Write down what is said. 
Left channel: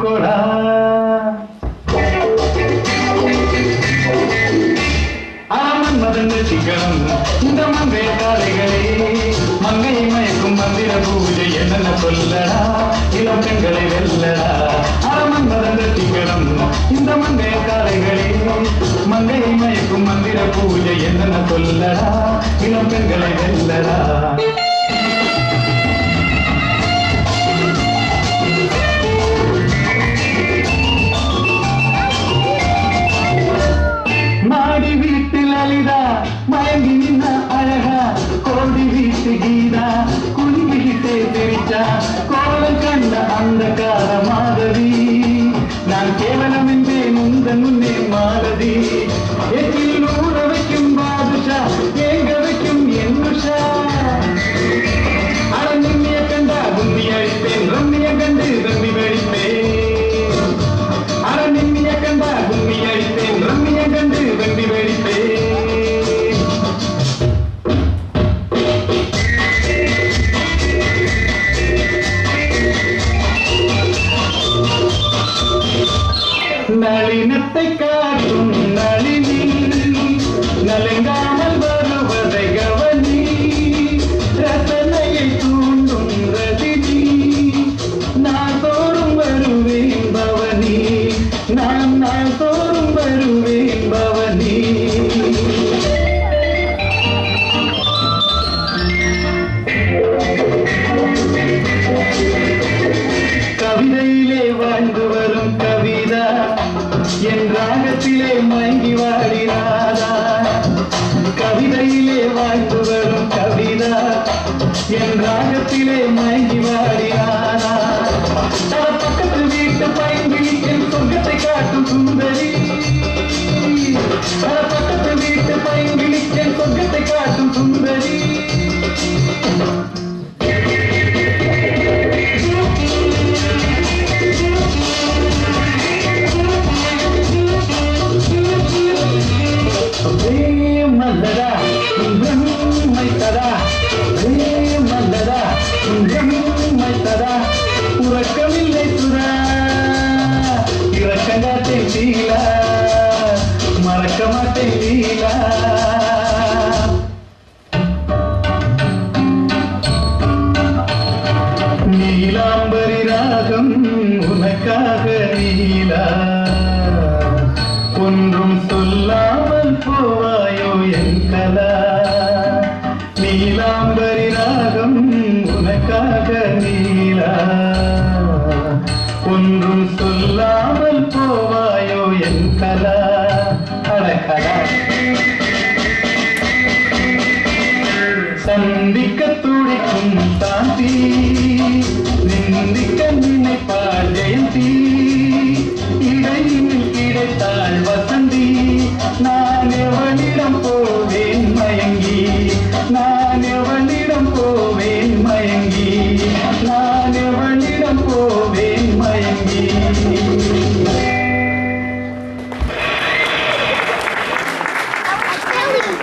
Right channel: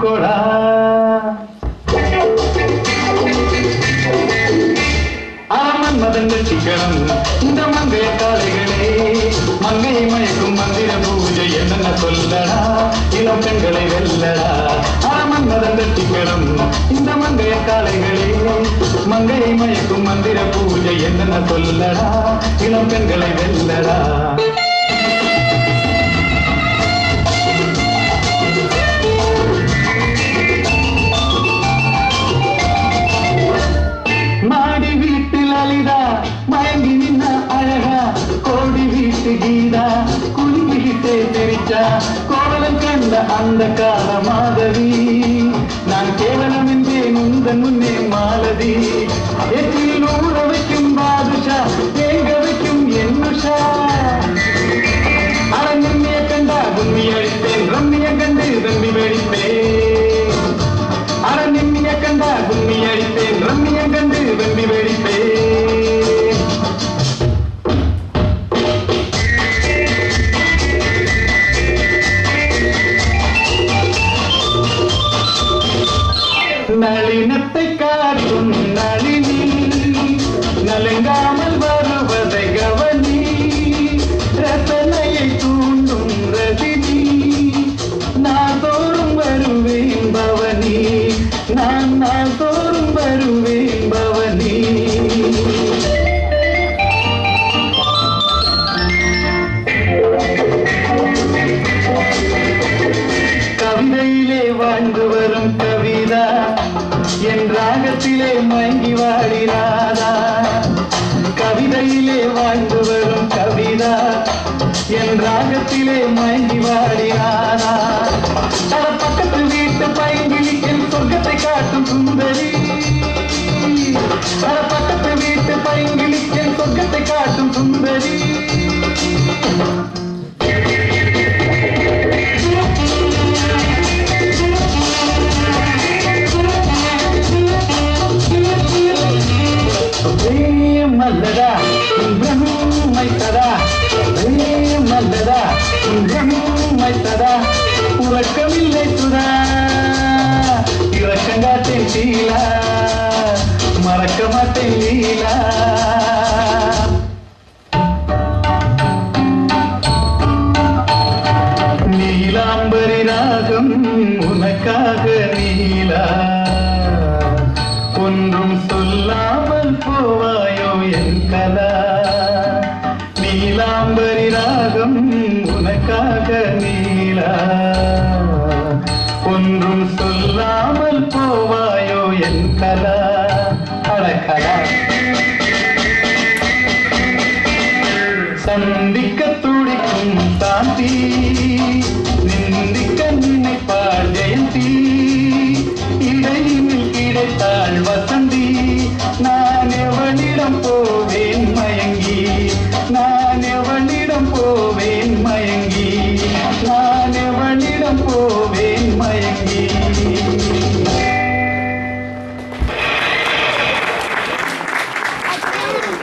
கொடா மதங்க சிக்கனம் இந்த மங்கைய காலைகளே மங்கையை மயக்கும் மந்திர பூஜை என்னென்ன சொல்லடா இளம் பெண்களை வெல்லடா அரமன் மதங்க சிக்கனம் இந்த மங்கைய காலைகளே மங்கையை மயக்கும் மந்திர பூஜை என்னென்ன சொல்லடா இளம் பெண்களை வெல்லடா மாடி வீட்டில் அலிதா மயங்கி நின்ன அழகா கோடி வீட்டு கீதா குளிக்கிட்டே தெரிச்சா கோலம் கண்ட அந்த கால மாதவி நான் கேவலம் என்றேன் உந்தன் முன்னே மாலதி எச்சில் ஊற வைக்கும் பாதுஷா தேங்க வைக்கும் என்னுஷா அட நிம்மிய கண்டா கும்மி அழிப்பேன் ரம்மிய கண்டு ரம்மி வெடிப்பேன் அட நிம்மிய கண்டா கும்மி அழிப்பேன் ரம்மிய கண்டு ரம்மி வெடிப்பேன் நளினத்தை காட்டும் நளினி நலங்காமல் வருவதை கவனி ரசனையை தூண்டும் ரதினி நான் தோறும் வருவேன் பவனி நான் தோறும் வருவேன் பவனி கவிதையிலே வாழ்ந்து வரும் கவிதா என் ராகத்திலே மயங்கி வாடினாதா கவிதையிலே வாழ்ந்து வரும் கவிதா என் ராகத்திலே மயங்கி வாடினாதா தன பக்கத்து வீட்டு பைங்கிலி என் சொர்க்கத்தை காட்டும் சுந்தரி தன பக்கத்து வீட்டு பைங்கிலி என் சொர்க்கத்தை காட்டும் சுந்தரி மல்லதா மைத்ததா மல்லதா மைத்ததா உறக்கமில்லை சுதா இறக்கங்காட்டேன் லீலா மறக்க மாட்டேன் லீலா நீலாம்பரி ராகம் உனக்காக நீலா ஒன்றும் சொல்லாமல் போவாயோ என் கலா நீலாம்பரி ராகம் உனக்காக நீலா ஒன்றும் சொல்லாமல் போவாயோ என் கலா அழகலா சந்திக்க துடிக்கும் சாந்தி நிந்திக்க